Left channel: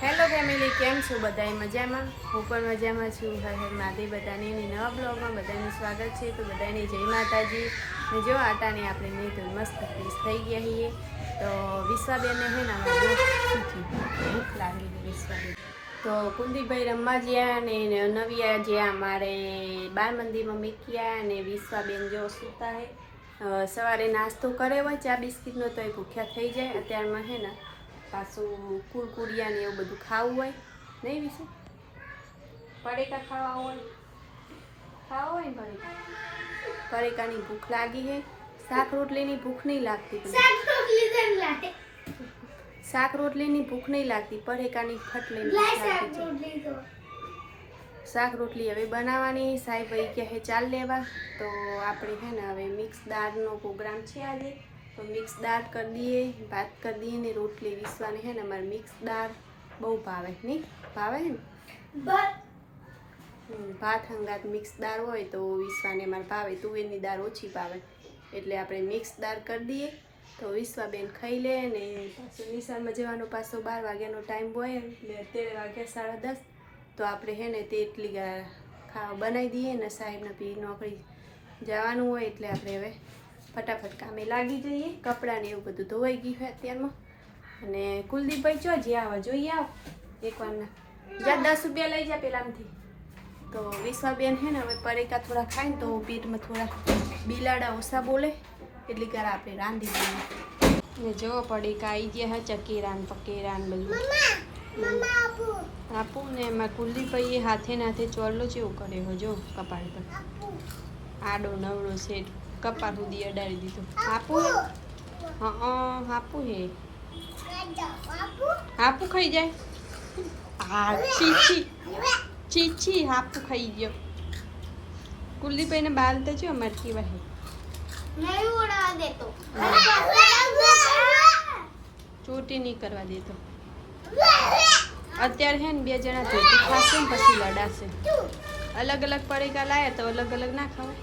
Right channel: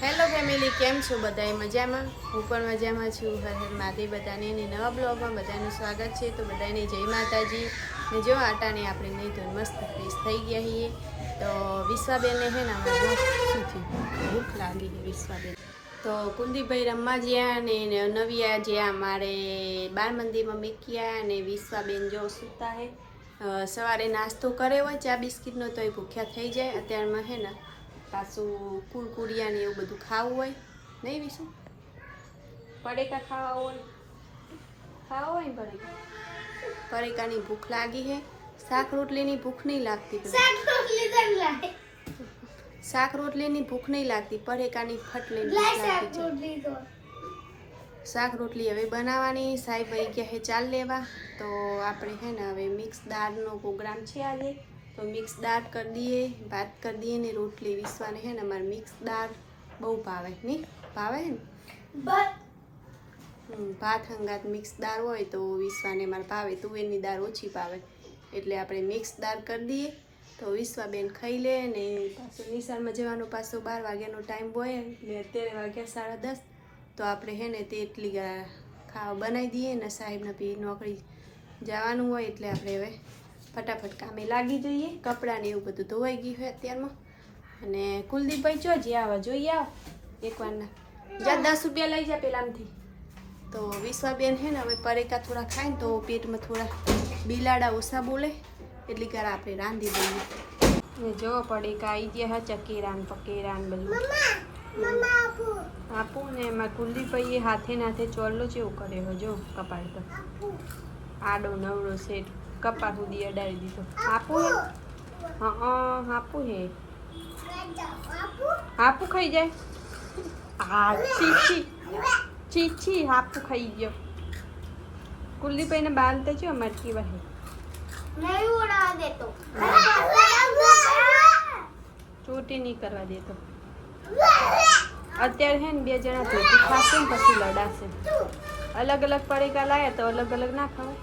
Hello family, કેમ છો બધાય? મજામાં? હું પણ મજામાં છું. હર હર મહાદેવ. બધાને નવા બ્લોગમાં બધાનું સ્વાગત છે. તો બધાને જય માતાજી. ને જો આટાને આપણે નહીં તો મસ્ત ફ્રેશ થઈ ગયા છીએ. તો વિશ્વાબેનને હે ને અમારે જો શું થયું, ભૂખ લાગી છે વિશ્વાબેન. તો કુલદીપભાઈ રમવા ગયા ને નવિયા જ્યાં અમારે બાળ મંદિરમાં મૂક્યા અને વિશ્વાબેન જો સૂતા હે. સવારે નાસ્તો કરે હોય ચા બિસ્કિટનો તો એ ભૂખ્યા થઈ જાય. અત્યારમાં હે ને પાછું કુરકુરિયા ને એવું બધું ખાવું હોય નહીં વિશું, પડીકા ખાવા હોય ને પડીકાની ભૂખ લાગી છે. શાક રોટલીની ભૂખ નહીં લાગતી, શાક રોટલીની ભૂખ નહીં લાગતી, પડીકાની ફટલીની ભૂખ લાગતી છે. શાક રોટલી હવે બનાવવાની. સાહેબ વહી ગયા છે ચાલ લેવા. તો આપણે હે ને હવે મિક્સ દાળનો પ્રોગ્રામ છે આજે. તો મિક્સ દાળ કરી દઈએ, ભાત કરી દઈએ ને રોટલી. વિશ્વાને હે ને અમારે મિક્સ દાળ બહુ ભાવે નહીં, ભાવે હે ને ભાત હંગાત મિક્સ દાળ હોય તો વિશ્વાને અમારે ભાવે. તુવેરની દાળ ઓછી ભાવે એટલે આપણે મિક્સ દાળ કરી દઈએ. તો વિશ્વાબેન ખાઈ લે ને પાછો નિશાળમાં જવાનો પાછો 12 વાગ્યાનો ટાઈમ હોય એટલે અત્યારે વાગ્યા 10:30. તો આપણે હે ને તે એટલી ખાવા બનાવી દઈએ ને સાહેબને બી નોકરી જવાનું હોય એટલે આપણે હવે ફટાફટ કામે લાગી જઈએ. કપડાં ને એવું બધું ધોવાઈ ગયું હોય અત્યારમાં. અને કુલદીપભાઈ ચો જે આવા જોઈએ આવો એકવારના જા 10 રૂપિયા લઈ જા પેલામથી. તો વિશ્વાબેન હે ને હવે પરેકા થોડા ખાય ને તો પેટમાં થોડા બિલાડા ઓછા બોલે એટલી કાર આપણે રાંધી દઈએ. ને જો પડીકા આવી ગયા હા, ચકેરાન પકેરાન બધું આપું ને એમાં કુલદીપભાઈએ હાથે નાથે ચોરલો જેવું કરે હો જો કપાળ પર આડો નવડો સેટ કપાળ સુધી અડાડી દીધો. આપું હે આપું હે આપું ખાઈ જાય. હા ચીચી હાપું ખાઈ ગયો. કુલદીપભાઈને બાલ તો જો અમારે કેવા હે ચોટી નહીં કરવા દેતો. અત્યારે હે ને 2 જણા ચોટી ખાશે ને પછી લડાશે. અલગ અલગ પડીકા લાયા તો અલગ અલગ ના ખવાય.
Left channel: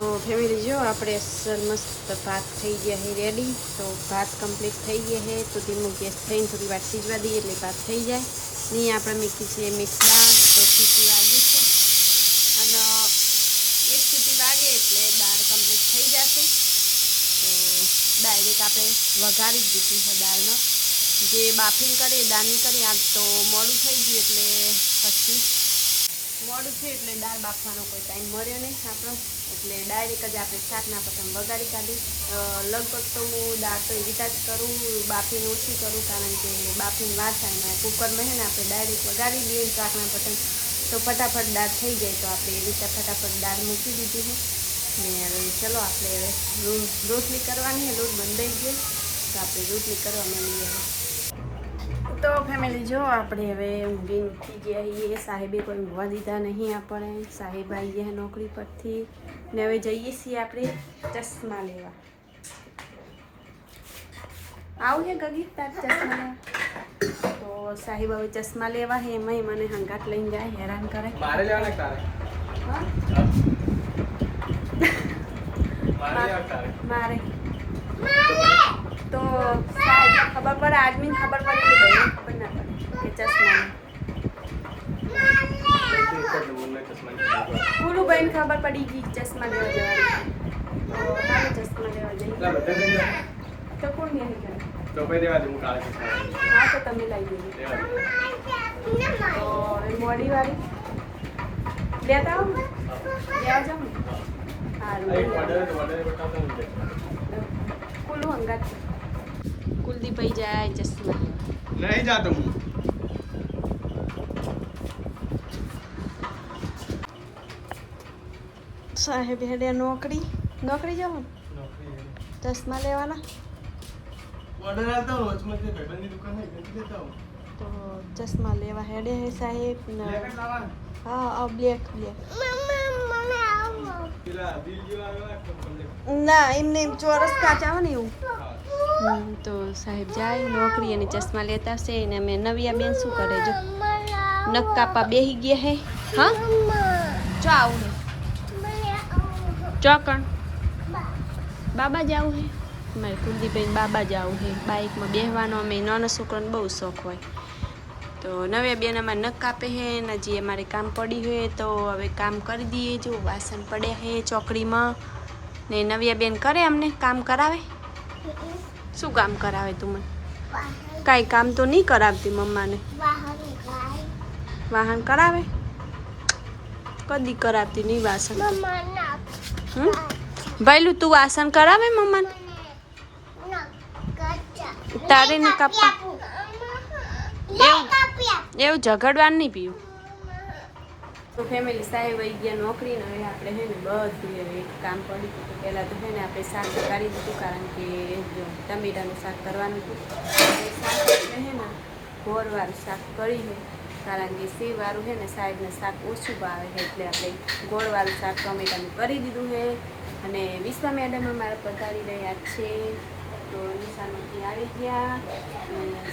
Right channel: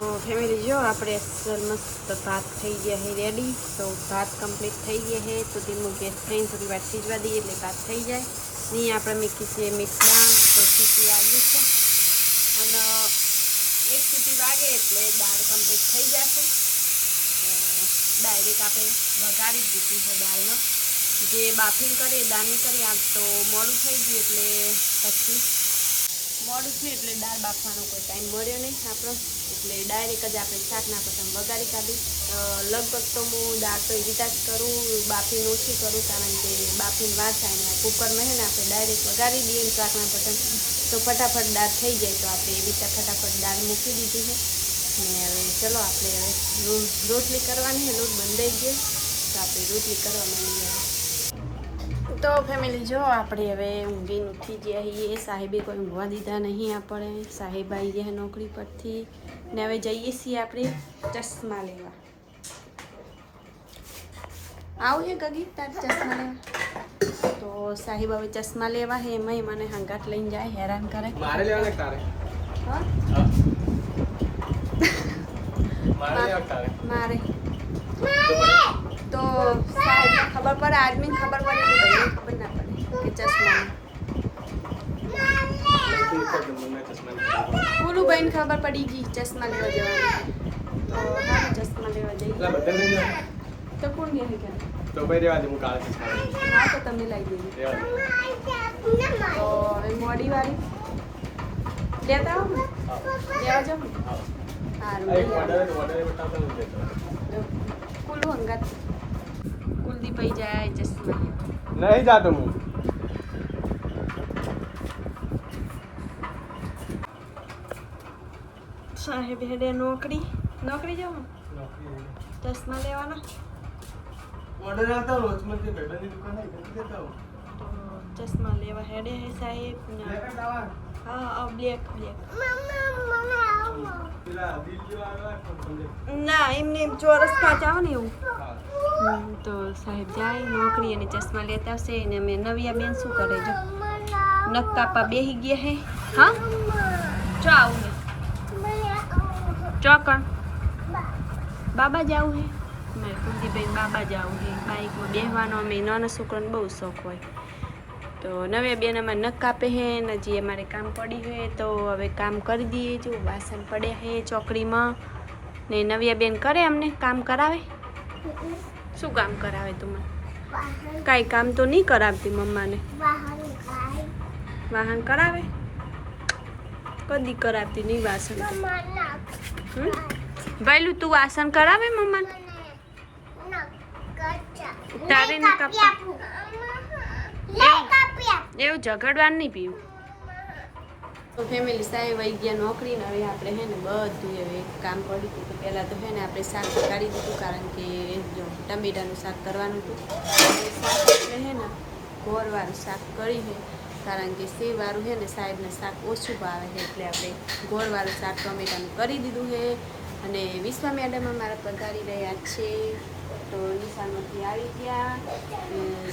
તો ફેમિલી જો આપણે અસર મસ્ત ભાત થઈ ગયા છે રેડી. તો ભાત કમ્પ્લીટ થઈ ગયા છે. તો ધીમો ગેસ થઈને થોડી વાર સીજવા દઈએ એટલે ભાત થઈ જાય. અહીંયા આપણે મૂકી છે મિક્સ દાળ. તો સીટી વાગી છે અને 1 સીટી વાગે એટલે દાળ કમ્પ્લીટ થઈ જશે. તો ડાયરેક્ટ આપણે વઘારી જ દીધી છે દાળનો. જે બાફીને કરી દાળની કરી આજ તો મોડું થઈ ગયું એટલે પછી મોડું થયું એટલે દાળ બાફવાનો કોઈ ટાઈમ મળ્યો નહીં આપણો એટલે ડાયરેક્ટ જ આપણે શાકના પતંગ વઘારી કાઢી. લગભગ તો હું દાળ તો એવી જ કરું, બાફીને ઓછી કરું કારણ કે બાફીને વાર થાય ને કુકરમાં હે ને આપણે ડાયરેક્ટ વઘારી દઈએ ને શાકના પતંગ તો ફટાફટ દાળ થઈ જાય. તો આપણે એવી રીતે ફટાફટ દાળ મૂકી દીધી છે ને હવે ચલો આપણે હવે રોટલી કરવાની છે. લોટ બંધાઈ ગયો તો આપણે રોટલી કરવા માંડીએ હવે. તો ફેમિલી જો આપણે હવે ઊંઘીને ઉઠી ગયા છીએ. સાહેબે કોઈ ઊંઘવા દીધા નહીં આપણે. સાહેબ આવી ગયા નોકરી પરથી ને હવે જઈએ છીએ આપણે ચશ્મા લેવા. આવું છે ગગી તાર ચશ્મા લેવા? તો સાહેબ હવે ચશ્મા લેવા છે. એમાંય મને હંગાત લઈને જાય, હેરાન કરે. મારે લેવાના તારે? હા મારે તો સાહેબને ખબર પડે, આદમીને ખબર પડે કે ભાઈને ખબર ના પડે કે ચશ્માને. પૂરું ભાઈને ખબર પડી ગઈ ચશ્મા લેવા જવાની. તો હાલો ચશ્મા લેવા જઈએ. તો કોણ નહીં કરે તો ભાઈ રેવા દે, હું કાળા ચશ્મા. હા તો તમે લઈ દઈએ. તો હવે મોડી વાળી લેતા આવો ને, લેવા જાઓ ને. સારું લઈ આવો. કુલ્લું અંગાત કુલદીપભાઈ જાય ચશ્મા લેવા. નહીં જાતો હું. સાહેબ હેડે નોકરી જાવ ચશ્મા લેવાના. તો ચશ્મા લેવા હેડે હે સાહેબ. હા બ્લેક ના એમને ચોરસ કાચા આવે ને એવું. તો સાહેબ જાય નોકરી અને ચશ્મા લેતા આવશે. અને અમે નવિયા બેન શું કરે જો નખ કાપા બેસી ગયા હે. હા ચો આવું ચોકણ બાબા જાવું હે મારે કુલદીપભાઈ બાબા જ આવું છે બાઇકમાં બેસવાનો અમે નાના છોકરાને બહુ શોખ હોય તો નવે બેન અમારે નખ કાપે છે ને હજી અમારે કામ પડી છે તો હવે કામ કરી દઈએ જો વાસણ પડ્યા છે ચોકડીમાં ને નવ્યા બેન કરે અમને કામ કરાવે શું કામ કરાવે તું મને કાંઈ કામ તો નહીં કરાવતી મમ્માને વાહન કરાવે કદી કરાવતી નહીં વાસણ ભાઈલું તું વાસણ કરાવે મમ્માને તારે ને કાપવા એવું ઝઘડવાનું નહીં પીવું તો ફેમિલી સાહેબ વહી ગયા નોકરી ને હવે આપણે હે ને બધું હવે એક કામ પડ્યું હતું તો પહેલાં તો હે ને આપણે શાક કાઢી દીધું કારણ કે જો ટમેટાનું શાક કરવાનું હતું શાક એટલે હે ને ગોળવાળું શાક કરી છે કારણ કે સેવવાળું છે ને સાહેબને શાક ઓછું ભાવે છે એટલે આપણે ગોળવાળું શાક ટમેટાનું કરી દીધું છે અને વિશ્વા મેડમ અમારા પધારી રહ્યા છે તો નિશાનમાંથી આવી ગયા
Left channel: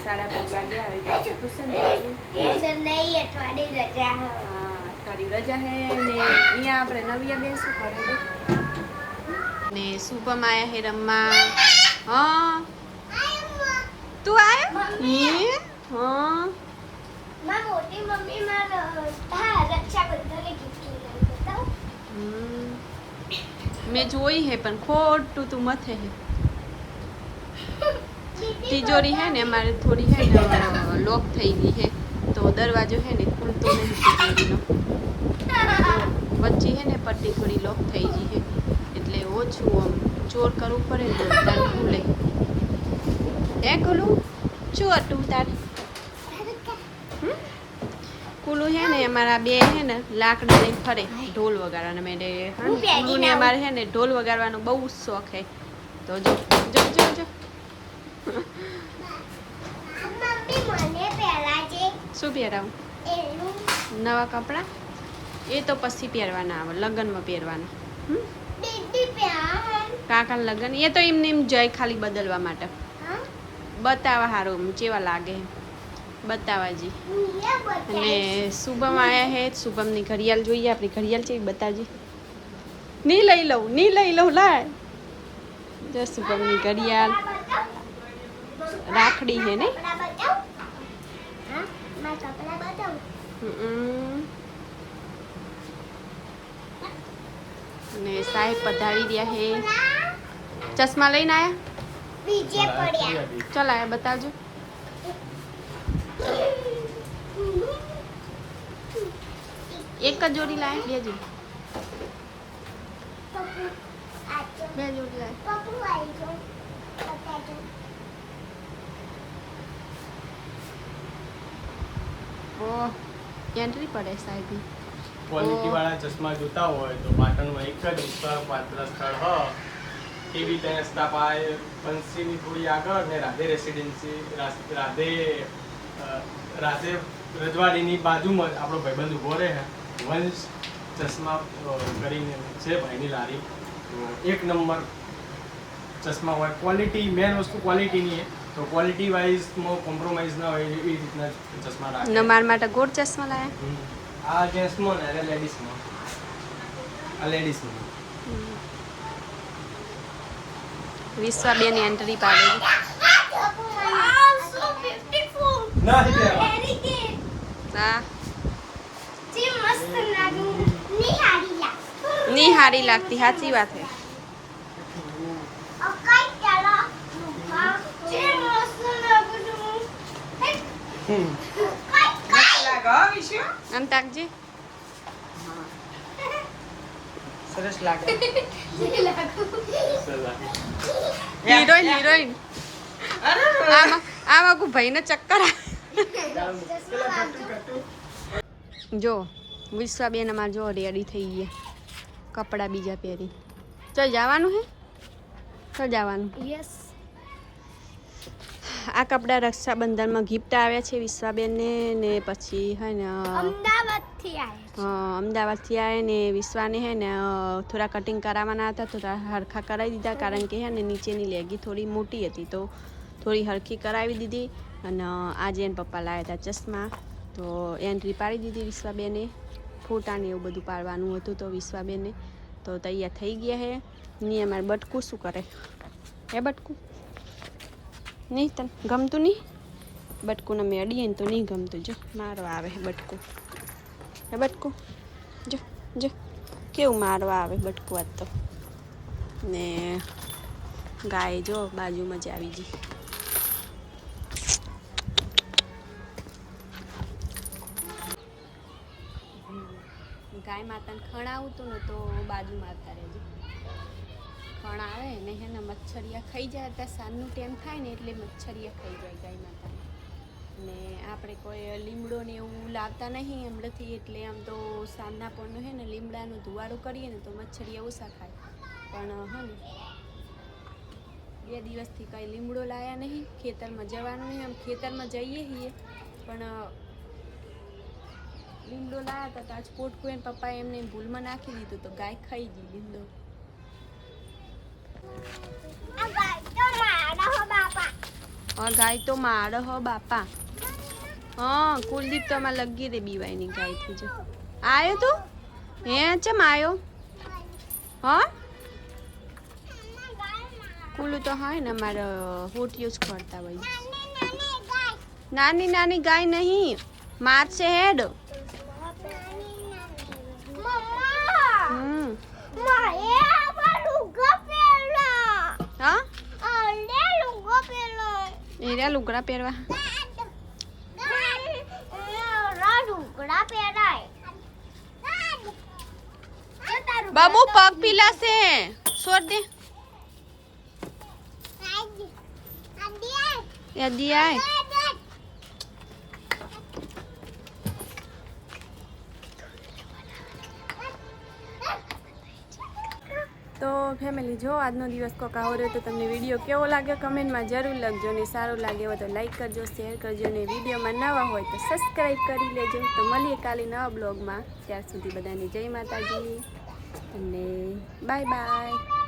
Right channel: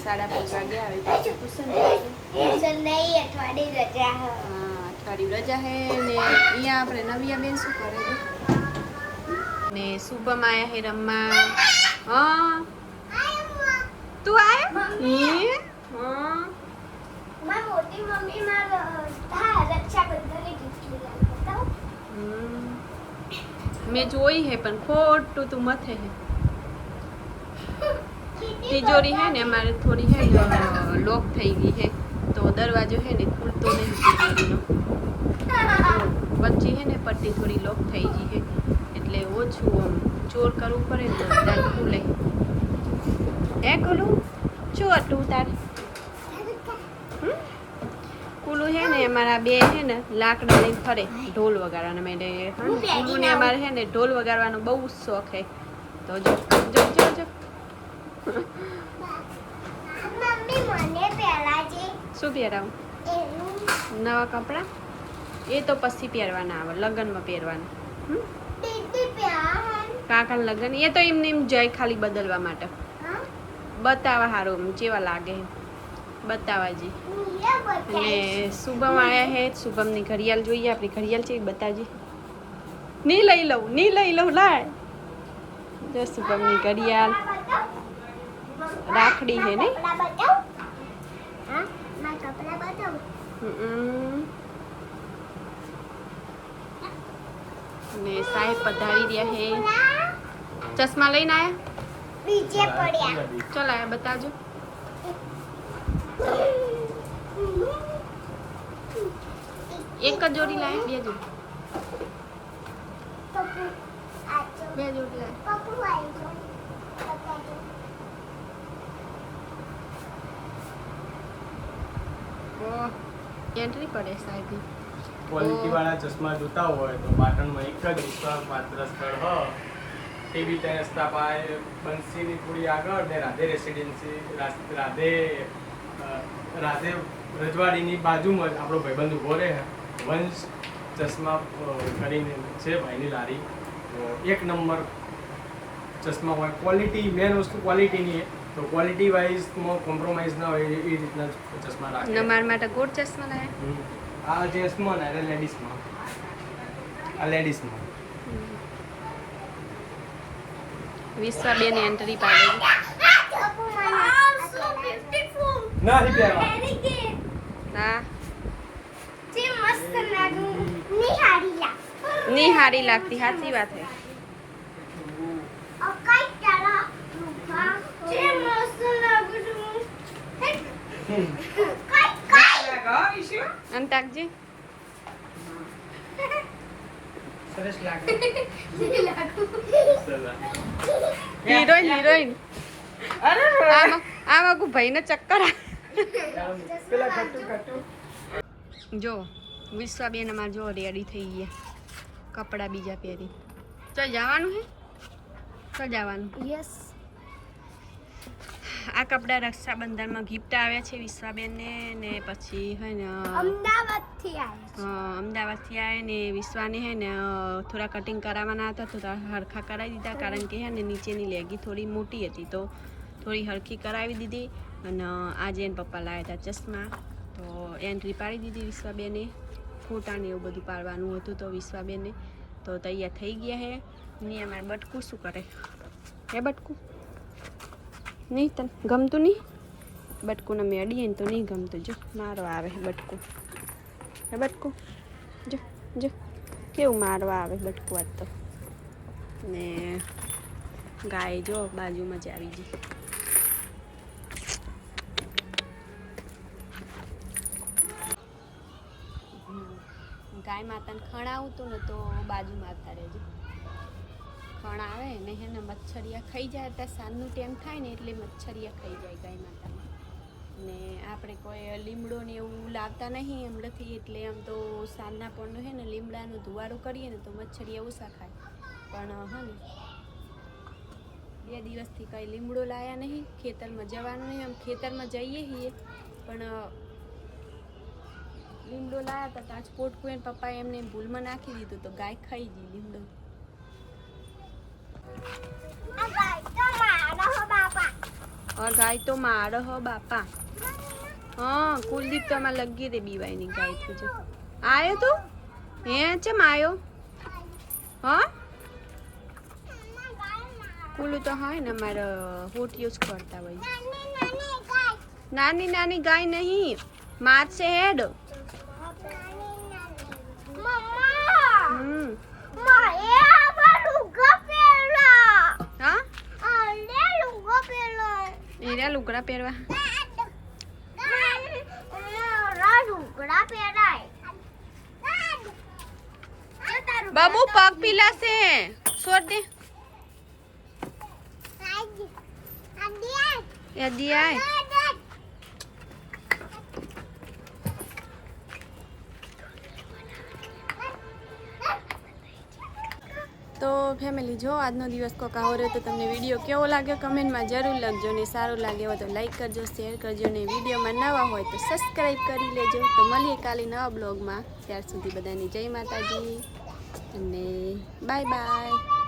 5:30 વાગે આવે પાછું ટ્યુશન અઠવાડિયું રજા હે ને અહીંયા આપણે નવિયા બેન શું કરે છે ને શુભમ આયા હે રમવા હા તું આયા હા મોટી મમ્મી મારા રક્ષાબંધન મેં જોઈ હે પણ ખોટું તું મથે હે તિજોરી હે ને અમારે થોડી હે ને લોક થઈ ગઈ હે તો દરવાજો હે ને ખુલતો નહીં તિજોરીનો વચ્ચે હે ને પટ્ટી થોડી લોક થઈ ગઈ હે એટલે ઓછું આમ ચોર કરવું પડે ને તો તાર ખુલે હે ખુલું શું હતું તાર કુલું હે ને અમારા બે હે ને લાકડા લઈને ફરે ઢોલ વગાડવાના મેં કુલુને અમારે હે ને ઢોલ વગાડવાનો બહુ શોખ હે તો જો જો જો જો શું પહેરાવું નવા કપડાં એ તો પછી પહેરવાના આવે લગ્નમાં પહેરવાના કાકા લગ્ન એ તો એમને એમ જાય ખાલી બદલવા માટે બતાવવા સારું કેવા લાગે બતાવાજી અને શુભમ આયા હે શુભમની ઘડિયાળ જોઈએ આપણી ઘડિયાળ છે બતાવજી નહીં લઈ લઉં લાય જો શુભમની ઘડિયાળ રાખડી હે ને ને સાહેબ પધારી રહ્યા હે ચશ્મા લઈને આયા ચલ આયા બતાવજો એક જ જોડી લાય બે જોડી એન્ટ્રી પડે સાહેબ ક્વોલિટી વાળા ચશ્મા જોતા હોય તો પાટણમાં એક જ વિશ્વાસપાત્ર સ્થળ હ ટીવી ટેરેસ પાય બંસીની થોડી આગળ ને રાધે રેસિડેન્સી રાધે રજવાડીની બાજુમાં જ આપણો ભાઈબંધ ઉભો રહે વંશ ચશ્મા કરીને છે ભાઈની લારી એક નંબર ચશ્મા હોય ક્વોલિટી મેન વસ્તુ ક્વોલિટીની તો ક્વોલિટી વાઇઝમાં કોમ્પ્રોમાઇઝ ના હોય એવી રીતના ચશ્મા રાખે મારા માટે ગોળ ચશ્મા લાયા આ જેન્ટ્સમાં ને લેડીઝમાં આ લેડીઝમાં વિશ્વાબેન એન્ટ્રી પાડેલી હા ની હારી લાગતી સાચી વાત હે અંતાકજી સરસ લાગે હિરોઈન આમાં કોઈ ભાઈને ચક્કર જો વિશ્વાબેન અમારે જો રેડી થઈ ગયા કપડાં બીજા પહેરી ચાલ જવાનું હે ચાલ જવાનું યસ આ કપડાં રક્ષાબંધનમાં ગિફ્ટ આવ્યા છે વિશ્વાબેનને ને પછી હે ને અમદાવાદથી આવ્યા ને વિશ્વાને હે ને થોડા કટિંગ કરાવવાના હતા થોડા હરખા કરાવી દીધા કારણ કે હે ને નીચેની લેગી થોડી મોટી હતી તો થોડી હરખી કરાવી દીધી અને આજે એને પપ્પા લાવ્યા હતા ચશ્મા તો એન્ટ્રી પાડી દીધી વિશ્વાબેને ફોટાને એવું બધું પાડવાનું હતું તો વિશ્વાબેને તો તૈયાર થઈ ગયા હે ની અમારે બટકું શું કરે હે બટકું નહીં તને ગમતું નહીં બટકુને મેં અડીએ ને તો નહીં ગમતું જો મારવા આવે બટકું હે બટકું જો જો કેવું મારવા આવે બટકું આજ તો ને ગાય જો બાજુમાં જ આવી ગઈ ગાય માતાને ખણાવું તું ને તો બાજુમાં આવતા રહેજો ખણ આવે ને હે ને મચ્છરિયા ખાઈ જાય ત્યાં સાંજનું ટાઈમ થાય ને એટલે મચ્છરિયા ખાઈ જાય ગાય માતાને ને આપણે કોઈ લીમડો ને એવું લાવતા નહીં હમણાંથી એટલે આમ તો સાંજના પણ હે ને લીમડાનું ધુવાડું કરીએ ને તો મચ્છરિયા ઓછા ખાય પણ હા ને 2 દિવસથી કંઈ લીમડો લાયા નહીં ખેતરમાં જવાનું નહીં આમ ખેતરમાં જઈએ છીએ પણ લીમડો લાયા હતા તો આજ પોટકું એને પપ્પાએ એમને ભૂલમાં નાખી દીધું તો ગાય ખાઈ ગઈ લીમડો ગાય તો મારો હો બાપા હા કુલદીપ તો આમાં લગી રે બીવાયની ગાયથી જો આયો તું હે ચમ આયો હા કુલું તો હા ને અમારે હોટ યુઝ કરતા હોય નાની નાની ગાય નહીં માર છે હેડ હા એરા લુગડા પહેરવા બાબુ પગ પીલાશે છોડ દે યાદી આય તો ફેમિલી જો આજનો દિવસ કોક આવો રહ્યો તો તમને વિડીયો કેવો લાગ્યો કમેન્ટમાં જરૂર લખજો ને સારું લાગે હોય તો લાઈક કરજો શેર કરજો ને વિડીયોમાં નવા હોય તો સબસ્ક્રાઈબ કરી લેજો તો મળીએ કાલે નવા બ્લોગમાં ત્યાર સુધી બધાને જય માતાજી અને બાય બાય